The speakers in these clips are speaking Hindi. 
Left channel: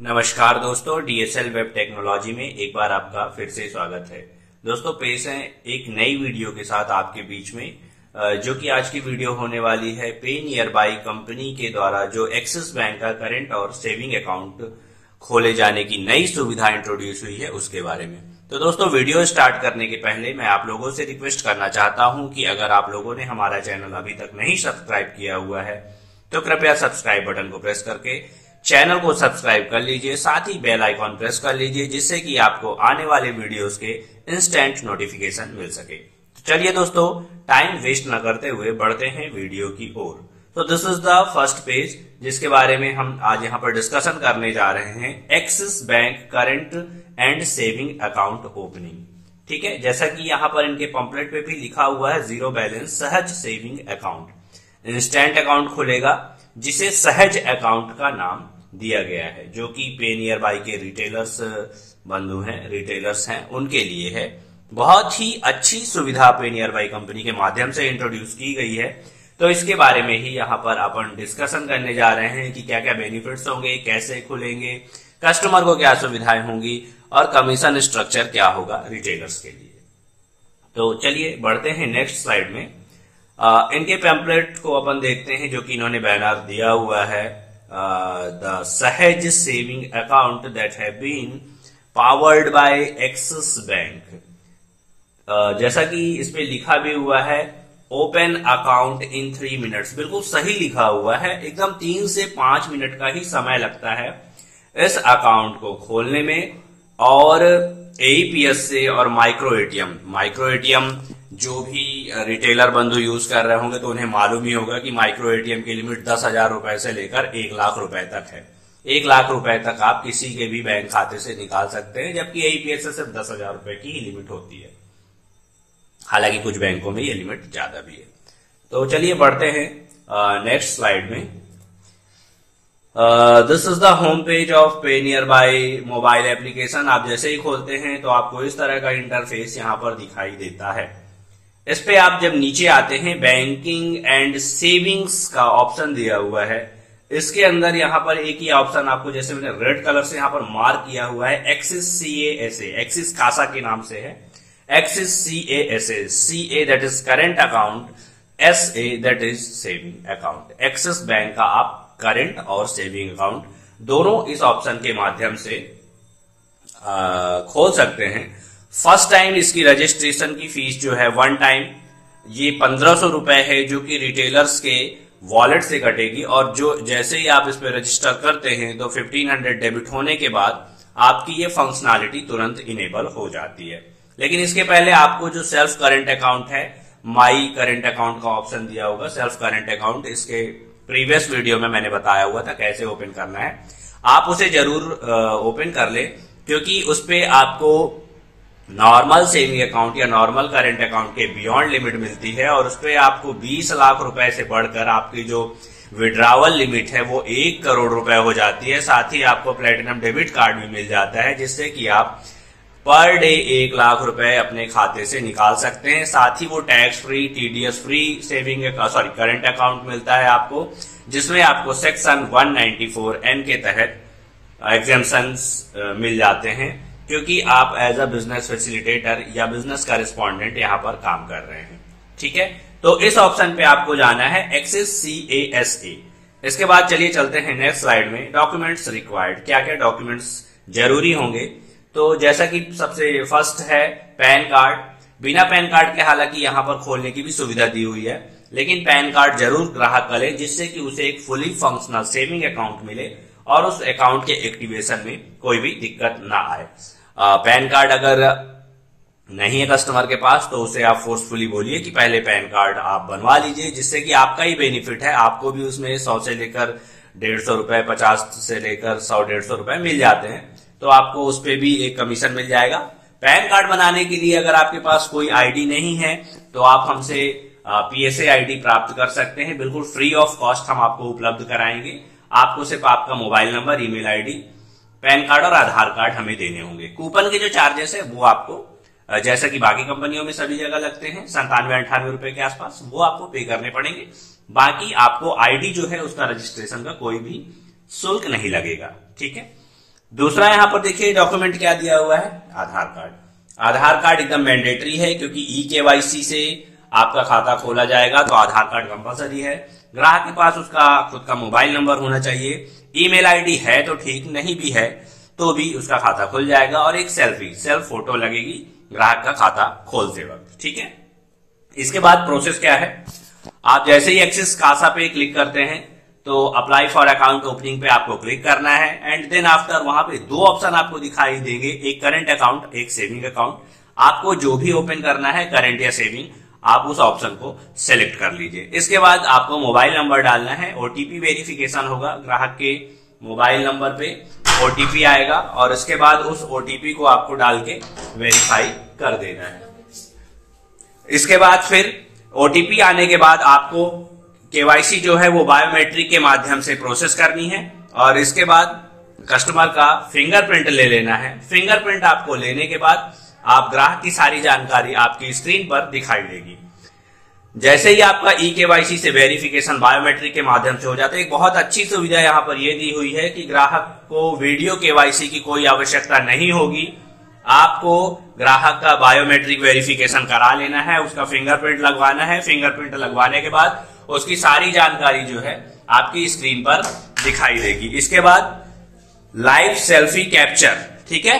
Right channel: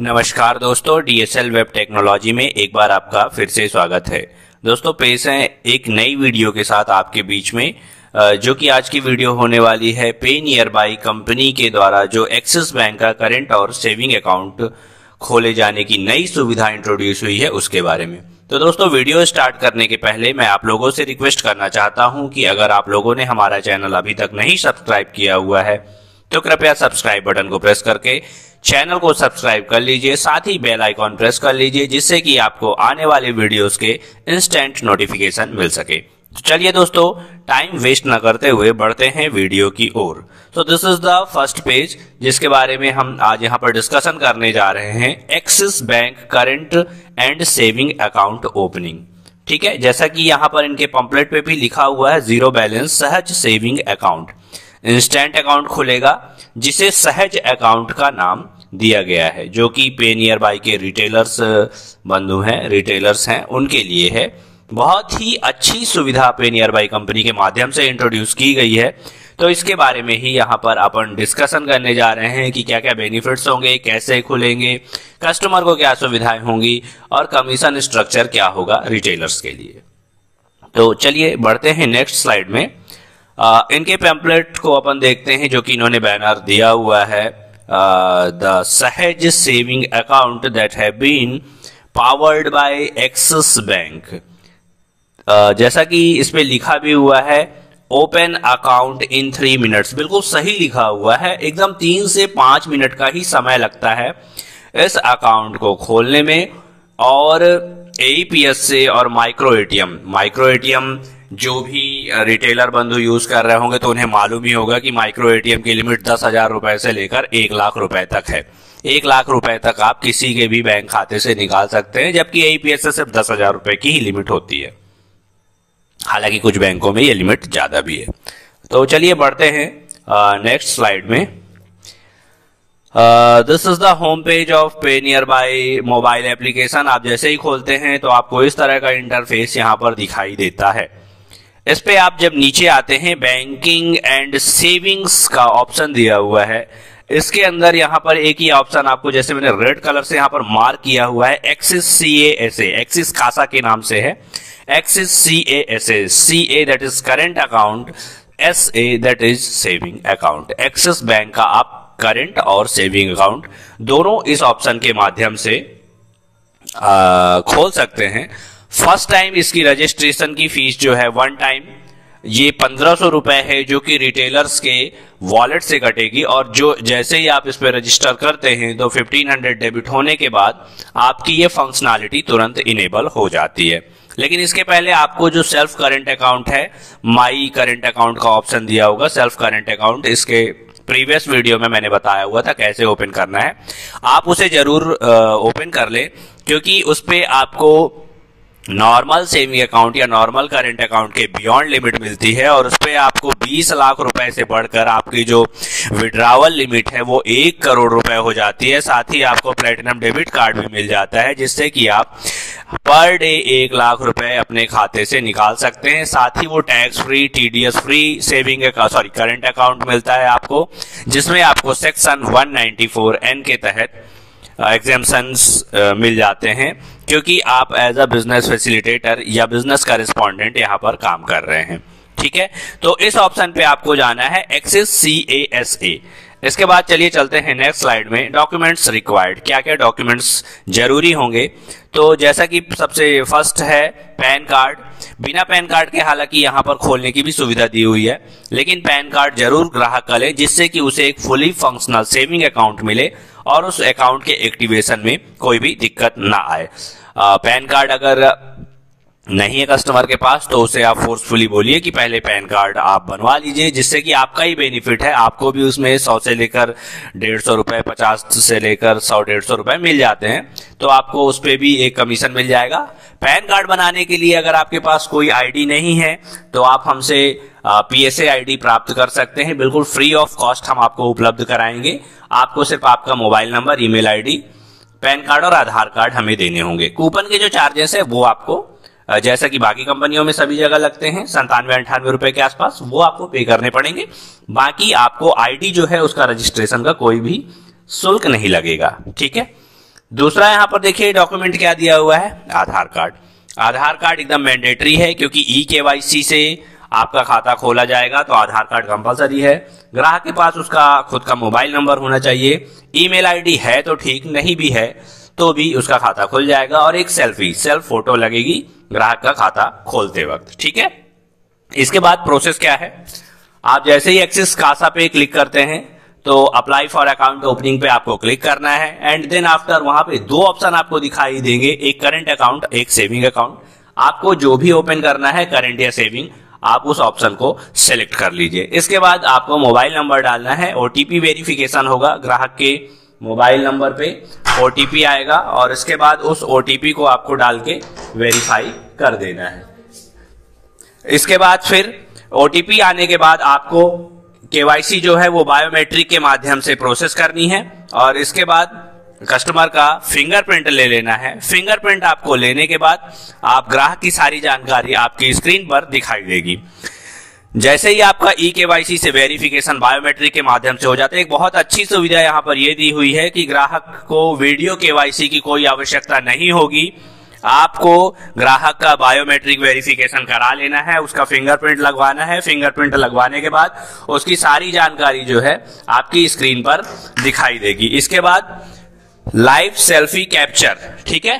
नमस्कार दोस्तों, डीएसएल वेब टेक्नोलॉजी में एक बार आपका फिर से स्वागत है। दोस्तों पेश है एक नई वीडियो के साथ आपके बीच में, जो कि आज की वीडियो होने वाली है पे नियर बाई कंपनी के द्वारा जो एक्सिस बैंक का करंट और सेविंग अकाउंट खोले जाने की नई सुविधा इंट्रोड्यूस हुई है उसके बारे में। तो दोस्तों वीडियो स्टार्ट करने के पहले मैं आप लोगों से रिक्वेस्ट करना चाहता हूं कि अगर आप लोगों ने हमारा चैनल अभी तक नहीं सब्सक्राइब किया हुआ है तो कृपया सब्सक्राइब बटन को प्रेस करके चैनल को सब्सक्राइब कर लीजिए, साथ ही बेल आइकॉन प्रेस कर लीजिए जिससे कि आपको आने वाले वीडियोस के इंस्टेंट नोटिफिकेशन मिल सके। तो चलिए दोस्तों टाइम वेस्ट न करते हुए बढ़ते हैं वीडियो की ओर। तो this is the first page जिसके बारे में हम आज यहाँ पर डिस्कशन करने जा रहे हैं, axis bank current and saving account opening. ठीक है, जैसा कि यहाँ पर इनके पंपलेट पे भी लिखा हुआ है, जीरो बैलेंस सहज सेविंग अकाउंट। इंस्टेंट अकाउंट खुलेगा जिसे सहज अकाउंट का नाम दिया गया है, जो कि पे नियर बाई के रिटेलर्स बंधु हैं, रिटेलर्स हैं, उनके लिए है। बहुत ही अच्छी सुविधा पे नियर बाई कंपनी के माध्यम से इंट्रोड्यूस की गई है। तो इसके बारे में ही यहाँ पर अपन डिस्कशन करने जा रहे हैं कि क्या क्या बेनिफिट्स होंगे, कैसे खुलेंगे, कस्टमर को क्या सुविधाएं होंगी और कमीशन स्ट्रक्चर क्या होगा रिटेलर्स के लिए। तो चलिए बढ़ते हैं नेक्स्ट स्लाइड में। इनके पैम्पलेट को अपन देखते हैं जो कि इन्होंने बैनर दिया हुआ है, the Sahaj saving account that have been powered by Axis Bank. जैसा कि इसमें लिखा भी हुआ है, ओपन अकाउंट इन 3 मिनट्स। बिल्कुल सही लिखा हुआ है, एकदम 3 से 5 मिनट का ही समय लगता है इस अकाउंट को खोलने में। और एईपीएस से और माइक्रो एटीएम जो भी रिटेलर बंधु यूज कर रहे होंगे तो उन्हें मालूम ही होगा कि माइक्रो एटीएम की लिमिट 10,000 रुपए से लेकर 1 लाख रुपए तक है। 1 लाख रुपए तक आप किसी के भी बैंक खाते से निकाल सकते हैं, जबकि एईपीएस से सिर्फ 10,000 रुपए की ही लिमिट होती है। हालांकि कुछ बैंकों में ये लिमिट ज्यादा भी है। तो चलिए बढ़ते हैं नेक्स्ट स्लाइड में। This is the home page of पे नियर बाई मोबाइल एप्लीकेशन। आप जैसे ही खोलते हैं तो आपको इस तरह का इंटरफेस यहाँ पर दिखाई देता है। इस पे आप जब नीचे आते हैं, बैंकिंग एंड सेविंग्स का ऑप्शन दिया हुआ है। इसके अंदर यहाँ पर एक ही ऑप्शन आपको, जैसे मैंने रेड कलर से यहाँ पर मार्क किया हुआ है, एक्सिस CASA, एक्सिस खासा के नाम से है, axis CASA, CA that is current account, SA that is saving account. Axis bank का आप करंट और सेविंग अकाउंट दोनों इस ऑप्शन के माध्यम से खोल सकते हैं। फर्स्ट टाइम इसकी रजिस्ट्रेशन की फीस जो है वन टाइम ये 1500 रुपए है, जो कि रिटेलर्स के वॉलेट से कटेगी। और जो जैसे ही आप इस पर रजिस्टर करते हैं तो 1500 डेबिट होने के बाद आपकी ये फंक्शनैलिटी तुरंत इनेबल हो जाती है। लेकिन इसके पहले आपको जो सेल्फ करंट अकाउंट है, माई करंट अकाउंट का ऑप्शन दिया होगा। सेल्फ करंट अकाउंट इसके प्रीवियस वीडियो में मैंने बताया हुआ था कैसे ओपन करना है, आप उसे जरूर ओपन कर ले, क्योंकि उस पे आपको नॉर्मल सेविंग अकाउंट या नॉर्मल करंट अकाउंट के बियॉन्ड लिमिट मिलती है। और उस पे आपको 20 लाख रुपए से बढ़कर आपकी जो विड्रावल लिमिट है वो 1 करोड़ रुपए हो जाती है। साथ ही आपको प्लेटिनम डेबिट कार्ड भी मिल जाता है, जिससे कि आप पर डे 1 लाख रुपए अपने खाते से निकाल सकते हैं। साथ ही वो tax free, TDS free saving current account मिलता है आपको, जिसमें आपको सेक्शन 194N के तहत एग्जेम्पशंस मिल जाते हैं, क्योंकि आप एज अ बिजनेस फैसिलिटेटर या बिजनेस करेस्पॉन्डेंट यहाँ पर काम कर रहे हैं। ठीक है, तो इस ऑप्शन पे आपको जाना है, एक्सिस CASA। इसके बाद चलिए चलते हैं नेक्स्ट स्लाइड में। डॉक्यूमेंट्स रिक्वायर्ड, क्या क्या डॉक्यूमेंट्स जरूरी होंगे। तो जैसा कि सबसे फर्स्ट है पैन कार्ड। बिना पैन कार्ड के हालांकि यहाँ पर खोलने की भी सुविधा दी हुई है, लेकिन पैन कार्ड जरूर ग्राहक का ले, जिससे कि उसे एक फुली फंक्शनल सेविंग अकाउंट मिले और उस अकाउंट के एक्टिवेशन में कोई भी दिक्कत ना आए। पैन कार्ड अगर नहीं है कस्टमर के पास तो उसे आप फोर्सफुली बोलिए कि पहले पैन कार्ड आप बनवा लीजिए, जिससे कि आपका ही बेनिफिट है। आपको भी उसमें 100 से लेकर 150 रुपए, 50 से लेकर 100-150 रुपए मिल जाते हैं, तो आपको उस पर भी एक कमीशन मिल जाएगा। पैन कार्ड बनाने के लिए अगर आपके पास कोई आईडी नहीं है तो आप हमसे PSA आईडी प्राप्त कर सकते हैं, बिल्कुल फ्री ऑफ कॉस्ट हम आपको उपलब्ध कराएंगे। आपको सिर्फ आपका mobile number, email ID, pan card और आधार कार्ड हमें देने होंगे। कूपन के जो चार्जेस है वो आपको, जैसा कि बाकी कंपनियों में सभी जगह लगते हैं, 97-98 रुपए के आसपास, वो आपको पे करने पड़ेंगे। बाकी आपको आईडी जो है उसका रजिस्ट्रेशन का कोई भी शुल्क नहीं लगेगा। ठीक है, दूसरा यहाँ पर देखिए डॉक्यूमेंट क्या दिया हुआ है, आधार कार्ड। आधार कार्ड एकदम मैंडेटरी है क्योंकि ई-केवाईसी से आपका खाता खोला जाएगा, तो आधार कार्ड कंपलसरी है। ग्राहक के पास उसका खुद का मोबाइल नंबर होना चाहिए। ईमेल आईडी है तो ठीक, नहीं भी है तो भी उसका खाता खुल जाएगा। और एक सेल्फ फोटो लगेगी ग्राहक का खाता खोलते वक्त, ठीक है। इसके बाद प्रोसेस क्या है, आप जैसे ही एक्सिस कासा पे क्लिक करते हैं तो अप्लाई फॉर अकाउंट ओपनिंग पे आपको क्लिक करना है। एंड देन आफ्टर वहां पे दो ऑप्शन आपको दिखाई देंगे, एक करंट अकाउंट, एक सेविंग अकाउंट। आपको जो भी ओपन करना है, करंट या सेविंग, आप उस ऑप्शन को सिलेक्ट कर लीजिए। इसके बाद आपको मोबाइल नंबर डालना है, ओटीपी वेरिफिकेशन होगा, ग्राहक के मोबाइल नंबर पे ओटीपी आएगा और इसके बाद उस ओटीपी को आपको डाल के वेरीफाई कर देना है। इसके बाद फिर ओटीपी आने के बाद आपको केवाईसी जो है वो बायोमेट्रिक के माध्यम से प्रोसेस करनी है और इसके बाद कस्टमर का फिंगरप्रिंट ले लेना है। फिंगरप्रिंट आपको लेने के बाद आप ग्राहक की सारी जानकारी आपकी स्क्रीन पर दिखाई देगी। जैसे ही आपका ई-केवाईसी से वेरिफिकेशन बायोमेट्रिक के माध्यम से हो जाता है, एक बहुत अच्छी सुविधा यहाँ पर यह दी हुई है कि ग्राहक को वीडियो केवाईसी की कोई आवश्यकता नहीं होगी। आपको ग्राहक का बायोमेट्रिक वेरिफिकेशन करा लेना है, उसका फिंगरप्रिंट लगवाना है। फिंगरप्रिंट लगवाने के बाद उसकी सारी जानकारी जो है आपकी स्क्रीन पर दिखाई देगी। इसके बाद लाइव सेल्फी कैप्चर, ठीक है,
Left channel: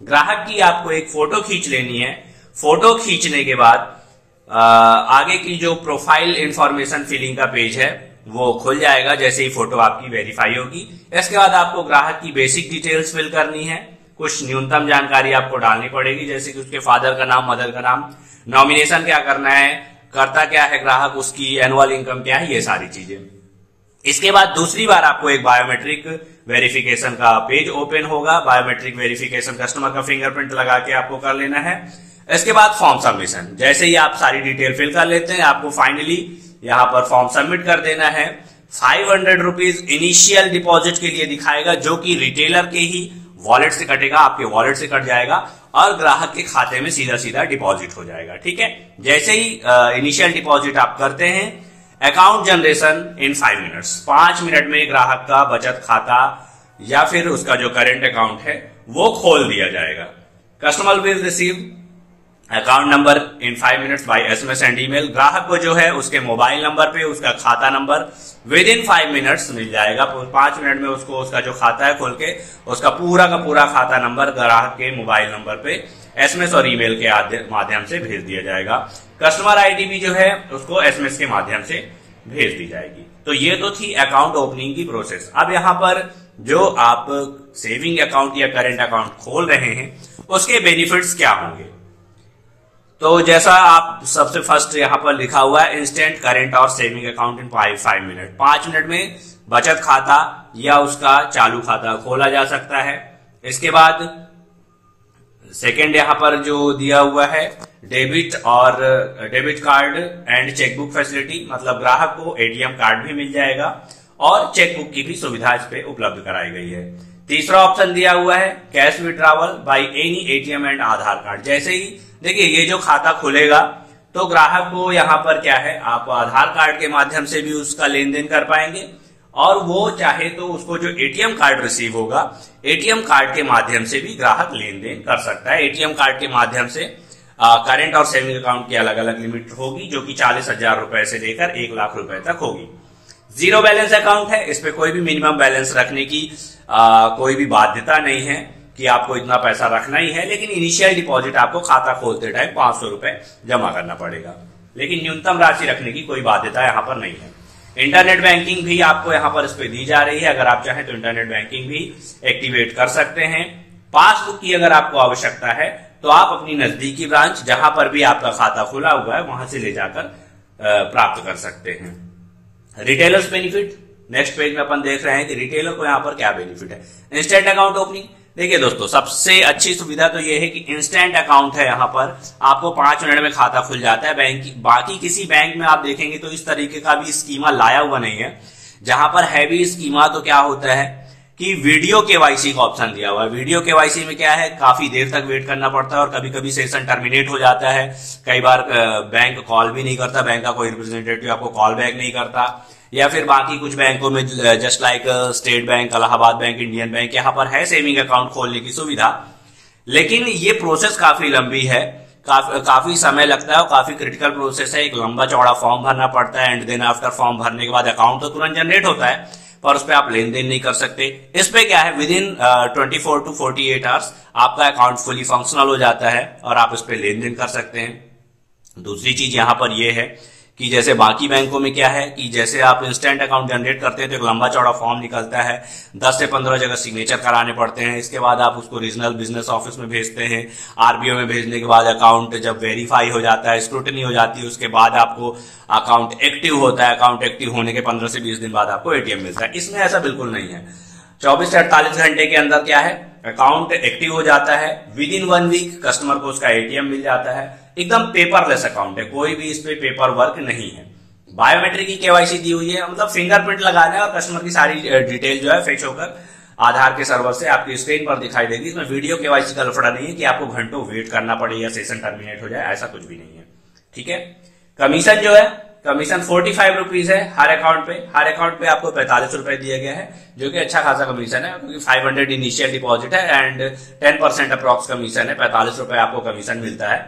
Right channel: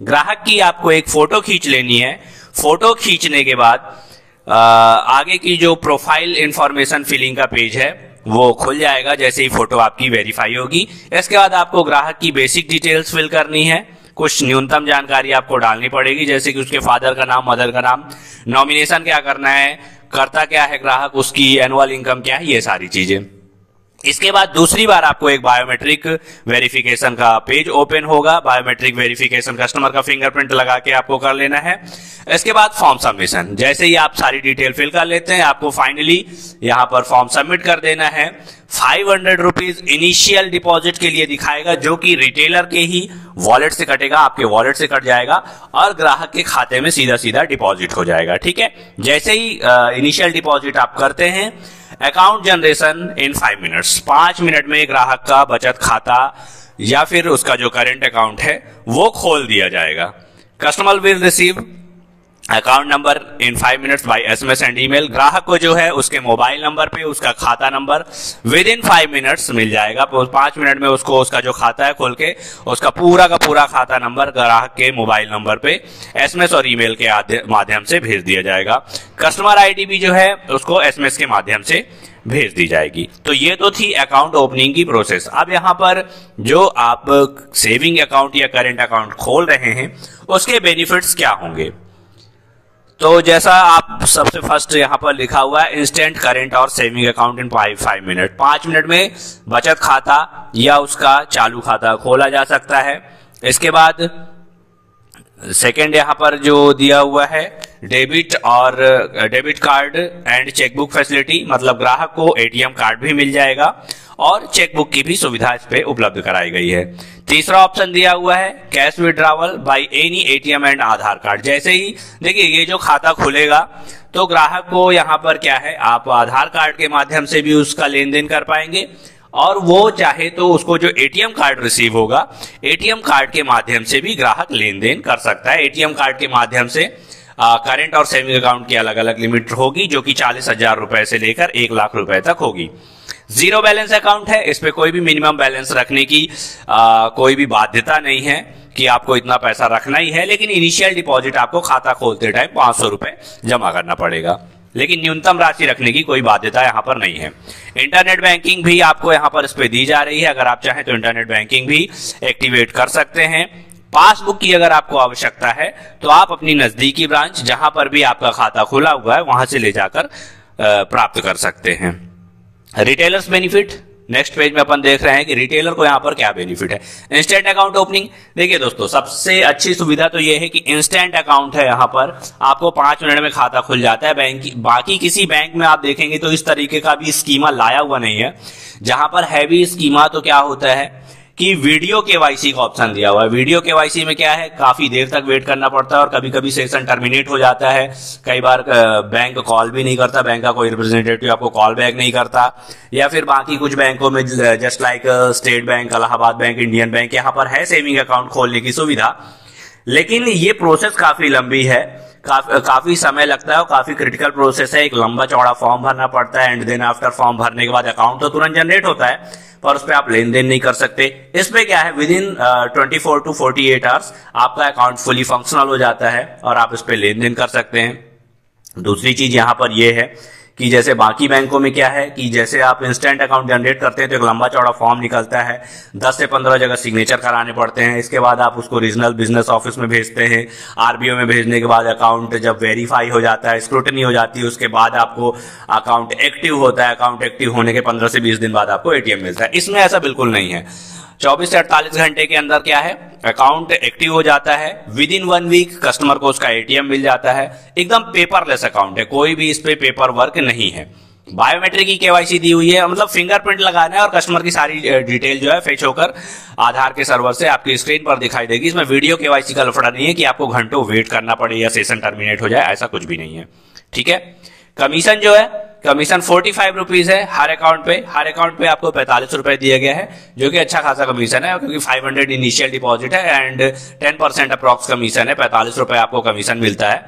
ग्राहक की आपको एक फोटो खींच लेनी है। फोटो खींचने के बाद आगे की जो प्रोफाइल इंफॉर्मेशन फिलिंग का पेज है वो खुल जाएगा जैसे ही फोटो आपकी वेरीफाई होगी। इसके बाद आपको ग्राहक की बेसिक डिटेल्स फिल करनी है, कुछ न्यूनतम जानकारी आपको डालनी पड़ेगी जैसे कि उसके फादर का नाम, मदर का नाम, नॉमिनेशन क्या करना है, करता क्या है ग्राहक, उसकी एनुअल इनकम क्या है, ये सारी चीजें। इसके बाद दूसरी बार आपको एक बायोमेट्रिक वेरिफिकेशन का पेज ओपन होगा। बायोमेट्रिक वेरिफिकेशन कस्टमर का फिंगरप्रिंट लगा के आपको कर लेना है। इसके बाद फॉर्म सबमिशन, जैसे ही आप सारी डिटेल फिल कर लेते हैं आपको फाइनली यहां पर फॉर्म सबमिट कर देना है। 500 रुपीज इनिशियल डिपॉजिट के लिए दिखाएगा जो कि रिटेलर के ही वॉलेट से कटेगा, आपके वॉलेट से कट जाएगा और ग्राहक के खाते में सीधा सीधा डिपॉजिट हो जाएगा, ठीक है। जैसे ही इनिशियल डिपॉजिट आप करते हैं, account generation in 5 minutes, 5 minute में ग्राहक का बचत खाता या फिर उसका जो करेंट अकाउंट है वो खोल दिया जाएगा। Customer will receive account number in 5 minutes bye SMS and email. ग्राहक को जो है उसके मोबाइल नंबर पे उसका खाता नंबर विद इन 5 मिनट्स मिल जाएगा। 5 मिनट में उसको उसका जो खाता है खोल के उसका पूरा का पूरा खाता नंबर ग्राहक के मोबाइल नंबर पे एसएमएस और ईमेल के माध्यम से भेज दिया जाएगा। कस्टमर आईडी भी जो है उसको एसएमएस के माध्यम से भेज दी जाएगी। तो ये तो थी अकाउंट ओपनिंग की प्रोसेस। अब यहाँ पर जो आप सेविंग अकाउंट या करेंट अकाउंट खोल रहे हैं उसके बेनिफिट्स क्या होंगे, तो जैसा आप सबसे फर्स्ट यहां पर लिखा हुआ है इंस्टेंट करेंट और saving account in 5 minute, 5 minute में बचत खाता या उसका चालू खाता खोला जा सकता है। इसके बाद सेकंड यहां पर जो दिया हुआ है debit card and chequebook facility, मतलब ग्राहक को एटीएम कार्ड भी मिल जाएगा और चेकबुक की भी सुविधा इस पे उपलब्ध कराई गई है। तीसरा ऑप्शन दिया हुआ है cash withdrawal by any ATM and Aadhaar card. जैसे ही देखिए ये जो खाता खुलेगा तो ग्राहक को यहाँ पर क्या है, आप आधार कार्ड के माध्यम से भी उसका लेन देन कर पाएंगे और वो चाहे तो उसको जो एटीएम कार्ड रिसीव होगा एटीएम कार्ड के माध्यम से भी ग्राहक लेन देन कर सकता है। एटीएम कार्ड के माध्यम से करेंट और सेविंग अकाउंट की अलग अलग लिमिट होगी जो कि 40,000 रुपए से लेकर 1 लाख रुपए तक होगी। जीरो बैलेंस अकाउंट है, इस पे कोई भी मिनिमम बैलेंस रखने की कोई भी बाध्यता नहीं है कि आपको इतना पैसा रखना ही है, लेकिन इनिशियल डिपॉजिट आपको खाता खोलते टाइम 500 रुपए जमा करना पड़ेगा, लेकिन न्यूनतम राशि रखने की कोई बाध्यता यहाँ पर नहीं है। इंटरनेट बैंकिंग भी आपको यहाँ पर इस पे दी जा रही है, अगर आप चाहें तो इंटरनेट बैंकिंग भी एक्टिवेट कर सकते हैं। पासबुक की अगर आपको आवश्यकता है तो आप अपनी नजदीकी ब्रांच जहां पर भी आपका खाता खुला हुआ है वहां से ले जाकर प्राप्त कर सकते हैं। रिटेलर्स बेनिफिट, नेक्स्ट पेज में अपन देख रहे हैं कि रिटेलर को यहां पर क्या बेनिफिट है। इंस्टेंट अकाउंट ओपनिंग, देखिए दोस्तों सबसे अच्छी सुविधा तो यह है कि इंस्टेंट अकाउंट है, यहां पर आपको 5 मिनट में खाता खुल जाता है। बाकी किसी बैंक में आप देखेंगे तो इस तरीके का भी स्कीमा लाया हुआ नहीं है। जहां पर हैवी स्कीमा तो क्या होता है कि वीडियो केवाईसी का ऑप्शन दिया हुआ है। वीडियो केवाईसी में क्या है, काफी देर तक वेट करना पड़ता है और कभी कभी सेशन टर्मिनेट हो जाता है। कई बार बैंक कॉल भी नहीं करता, बैंक का कोई रिप्रेजेंटेटिव आपको कॉल बैक नहीं करता, या फिर बाकी कुछ बैंकों में just like state bank, Allahabad bank, Indian bank, यहाँ पर है सेविंग अकाउंट खोलने की सुविधा, लेकिन ये प्रोसेस काफी लंबी है, काफी समय लगता है और काफी क्रिटिकल प्रोसेस है। एक लंबा चौड़ा फॉर्म भरना पड़ता है एंड देन आफ्टर फॉर्म भरने के बाद अकाउंट तो तुरंत जनरेट होता है, पर उस पर आप लेन देन नहीं कर सकते। इसमें क्या है, विद इन 24 to 48 आवर्स आपका अकाउंट फुली फंक्शनल हो जाता है और आप इस पे लेन देन कर सकते हैं। दूसरी चीज यहां पर यह है कि जैसे बाकी बैंकों में क्या है कि जैसे आप इंस्टेंट अकाउंट जनरेट करते हैं तो एक लंबा चौड़ा फॉर्म निकलता है, 10 से 15 जगह सिग्नेचर कराने पड़ते हैं। इसके बाद आप उसको रीजनल बिजनेस ऑफिस में भेजते हैं, आरबीओ में भेजने के बाद अकाउंट जब वेरीफाई हो जाता है, स्क्रूटनी हो जाती है, उसके बाद आपको अकाउंट एक्टिव होता है। अकाउंट एक्टिव होने के 15 से 20 दिन बाद आपको एटीएम मिलता है। इसमें ऐसा बिल्कुल नहीं है, 24 से 48 घंटे के अंदर क्या है, अकाउंट एक्टिव हो जाता है। विद इन 1 वीक कस्टमर को उसका एटीएम मिल जाता है। एकदम पेपरलेस अकाउंट है, कोई भी इस पे पेपर वर्क नहीं है। बायोमेट्रिक की केवाईसी दी हुई है, मतलब फिंगरप्रिंट लगाना है और कस्टमर की सारी डिटेल जो है फेच होकर आधार के सर्वर से आपकी स्क्रीन पर दिखाई देगी। इसमें वीडियो केवाईसी का लफड़ा नहीं है कि आपको घंटों वेट करना पड़े या सेशन टर्मिनेट हो जाए, ऐसा कुछ भी नहीं है। ठीक है। कमीशन जो है, कमीशन 45 रुपीज है हर अकाउंट पे। हर अकाउंट पे आपको 45 रुपए दिया गया है, जो कि अच्छा खासा कमीशन है, क्योंकि 500 इनिशियल डिपॉजिट है एंड 10% अप्रॉक्स कमीशन है। 45 रुपए आपको कमीशन मिलता है।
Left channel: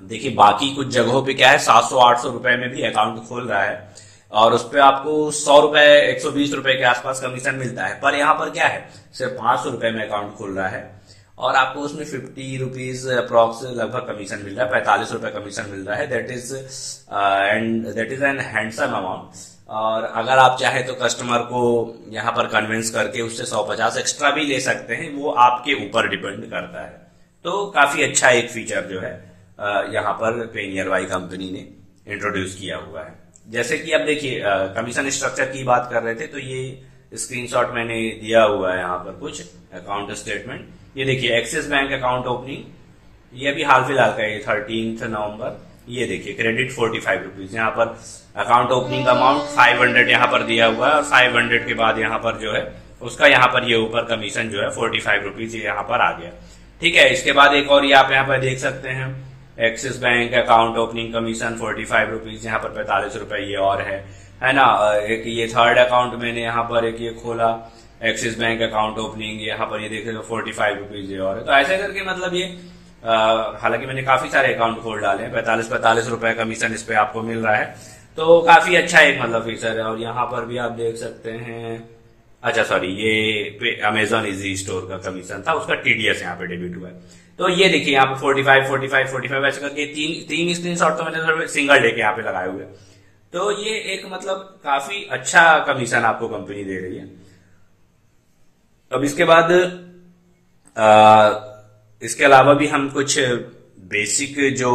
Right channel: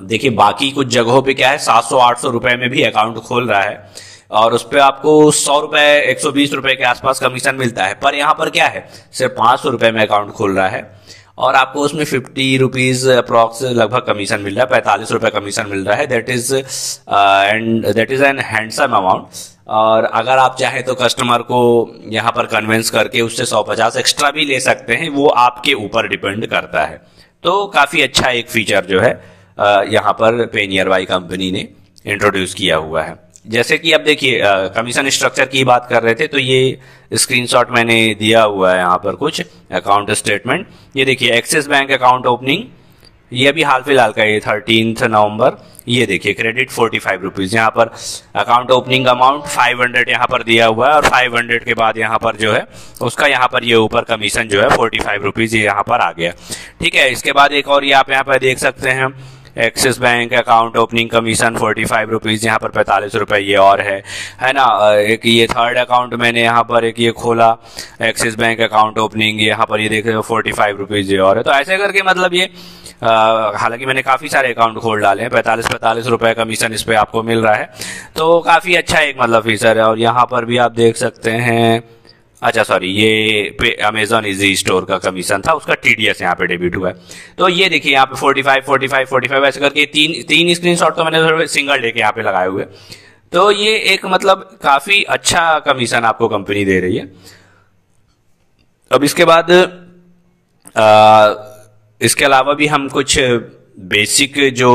देखिए बाकी कुछ जगहों पे क्या है, 700-800 रुपए में भी अकाउंट खोल रहा है और उस पर आपको 100 रुपए 120 रुपए के आसपास कमीशन मिलता है। पर यहाँ पर क्या है, सिर्फ 500 रुपए में अकाउंट खोल रहा है और आपको उसमें 50 रुपीज अप्रॉक्स लगभग कमीशन मिल रहा है, 45 रुपए कमीशन मिल रहा है। That is an handsome amount. और अगर आप चाहे तो कस्टमर को यहाँ पर कन्विंस करके उससे 150 एक्स्ट्रा भी ले सकते हैं, वो आपके ऊपर डिपेंड करता है। तो काफी अच्छा एक फीचर जो है यहाँ पर पे नियर बाई कंपनी ने इंट्रोड्यूस किया हुआ है। जैसे कि अब देखिए कमीशन स्ट्रक्चर की बात कर रहे थे, तो ये स्क्रीनशॉट मैंने दिया हुआ है यहाँ पर कुछ अकाउंट स्टेटमेंट। ये देखिए एक्सिस बैंक अकाउंट ओपनिंग, ये अभी हाल फिलहाल का, ये 13 नवंबर। ये देखिए क्रेडिट 45 रुपीज, यहाँ पर अकाउंट ओपनिंग अमाउंट 500 यहाँ पर दिया हुआ है और 500 के बाद यहाँ पर जो है उसका यहाँ पर ये ऊपर कमीशन जो है 45 रुपीज ये यहाँ पर आ गया। ठीक है। इसके बाद एक और ये आप यहाँ पर देख सकते हैं, axis bank account opening commission 45 rupees, यहाँ पर 45 रुपए ये और है ना। एक ये थर्ड अकाउंट मैंने यहाँ पर एक ये खोला, एक्सिस बैंक अकाउंट ओपनिंग, यहाँ पर ये देख रहे हो 45 रुपीज ये और है। तो ऐसे करके मतलब ये हालांकि मैंने काफी सारे अकाउंट खोल डाले हैं, 45 रुपए कमीशन इस पे आपको मिल रहा है। तो काफी अच्छा एक मतलब फीचर है। और यहाँ पर भी आप देख सकते हैं, अच्छा सॉरी, ये अमेजॉन इजी स्टोर का कमीशन था, उसका टीडीएस यहाँ पे डेबिट हुआ है। तो ये देखिए यहाँ पे 45 ऐसे करके तीन स्क्रीनशॉट तो मैंने सिंगल डे के यहाँ पे लगाए हुए। तो ये एक मतलब काफी अच्छा कमीशन आपको कंपनी दे रही है। अब इसके बाद इसके अलावा भी हम कुछ बेसिक जो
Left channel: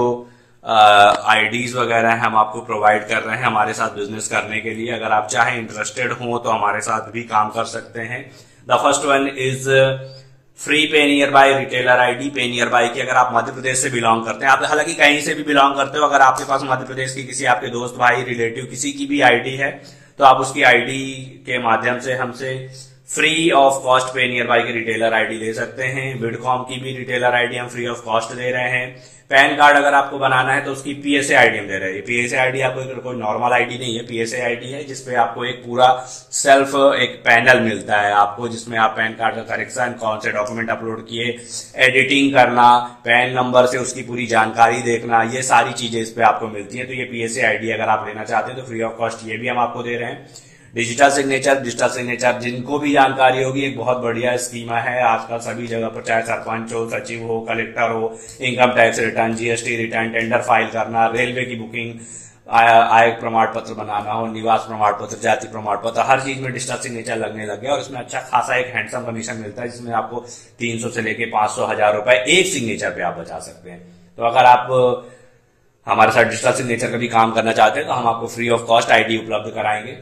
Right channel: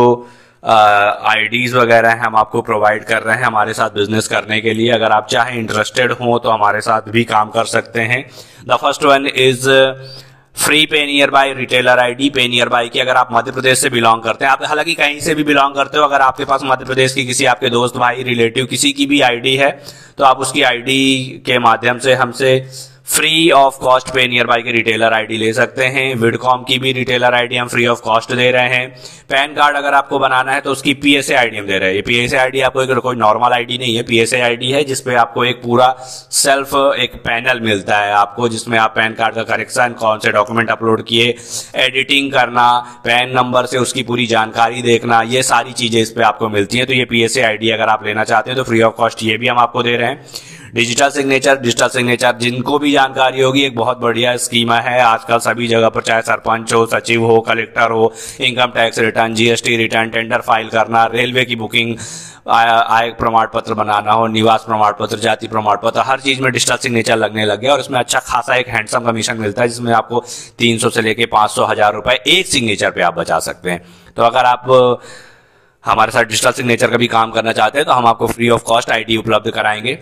आईडीज वगैरह हैं हम आपको प्रोवाइड कर रहे हैं हमारे साथ बिजनेस करने के लिए। अगर आप चाहें इंटरेस्टेड हो तो हमारे साथ भी काम कर सकते हैं। The first one is free पे नियर बाय रिटेलर आईडी। पे नियर बाय की अगर आप मध्य प्रदेश से बिलोंग करते हैं, आप हालांकि कहीं से भी बिलोंग करते हो, अगर आपके पास मध्य प्रदेश की किसी आपके दोस्त भाई रिलेटिव किसी की भी आईडी है तो आप उसकी आईडी के माध्यम से हमसे फ्री ऑफ कॉस्ट पे नियर बाय की रिटेलर आईडी ले सकते हैं। विडकॉम की भी रिटेलर आईडी हम फ्री ऑफ कॉस्ट दे रहे हैं। पैन कार्ड अगर आपको बनाना है तो उसकी पीएसए आईडी हम दे रहे हैं। पीएसए आईडी आपको कोई नॉर्मल आईडी नहीं है, पीएसए आईडी है जिसपे आपको एक पूरा सेल्फ एक पैनल मिलता है आपको, जिसमें आप पैन कार्ड का करेक्शन, कौन से डॉक्यूमेंट अपलोड किए, एडिटिंग करना, पैन नंबर से उसकी पूरी जानकारी देखना, ये सारी चीजें इस पे आपको मिलती हैं। तो ये पीएसए आईडी अगर आप लेना चाहते हैं तो फ्री ऑफ कॉस्ट ये भी हम आपको दे रहे हैं। डिजिटल सिग्नेचर जिनको भी जानकारी होगी, एक बहुत बढ़िया स्कीमा है आजकल सभी जगह पर, चाहे सरपंच हो, सचिव हो, कलेक्टर हो, income tax return, GST return, tender file करना, रेलवे की बुकिंग, आय प्रमाण पत्र बनाना हो, निवास प्रमाण पत्र, जाति प्रमाण पत्र, हर चीज में डिजिटल सिग्नेचर लगने लग गया और इसमें अच्छा खासा एक हैंडसम कमीशन मिलता है, जिसमें आपको 300 से लेके 500 1000 रुपए एक सिग्नेचर पे आप बचा सकते हैं। तो अगर आप हमारे साथ डिजिटल सिग्नेचर का भी काम करना चाहते हैं तो हम आपको फ्री ऑफ कॉस्ट आईडी उपलब्ध कराएंगे।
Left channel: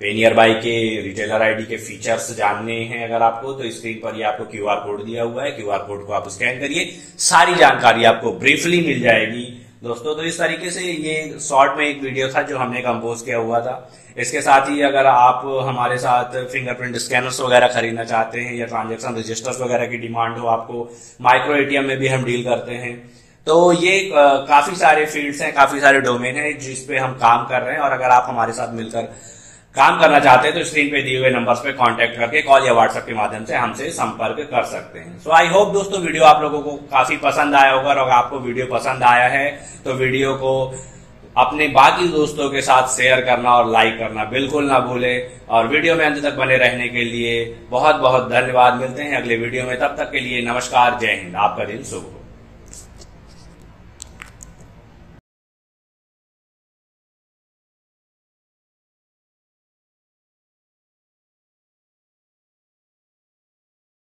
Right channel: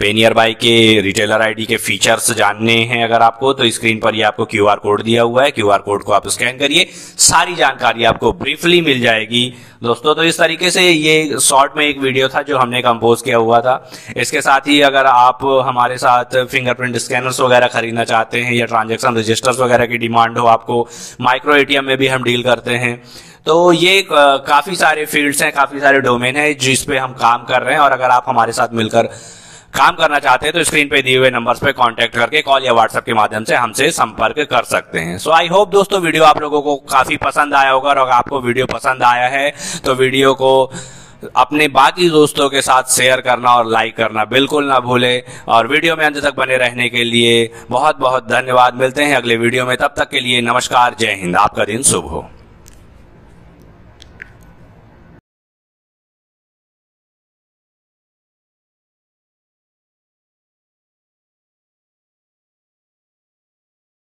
पेनियर बाई के रिटेलर आईडी के फीचर्स जानने हैं अगर आपको, तो स्क्रीन पर ये आपको क्यूआर कोड दिया हुआ है। क्यूआर कोड को आप स्कैन करिए, सारी जानकारी आपको ब्रीफली मिल जाएगी दोस्तों। तो इस तरीके से ये शॉर्ट में एक वीडियो था जो हमने कंपोज किया हुआ था। इसके साथ ही अगर आप हमारे साथ फिंगरप्रिंट स्कैनर्स वगैरह खरीदना चाहते हैं या ट्रांजैक्शन रजिस्टर्स वगैरह की डिमांड हो आपको, माइक्रो एटीएम में भी हम डील करते हैं, तो ये काफी सारे फील्ड्स हैं, काफी सारे डोमेन है जिस पे हम काम कर रहे हैं। और अगर आप हमारे साथ मिलकर काम करना चाहते हैं तो स्क्रीन पे दिए हुए नंबर्स पे कांटेक्ट करके कॉल या व्हाट्सएप के माध्यम से हमसे संपर्क कर सकते हैं। सो आई होप दोस्तों वीडियो आप लोगों को काफी पसंद आया होगा, और अगर आपको वीडियो पसंद आया है तो वीडियो को अपने बाकी दोस्तों के साथ शेयर करना और लाइक करना बिल्कुल ना भूले। और वीडियो में अंत तक बने रहने के लिए बहुत बहुत धन्यवाद। मिलते हैं अगले वीडियो में, तब तक के लिए नमस्कार, जय हिंद, आपका दिन शुभ हो।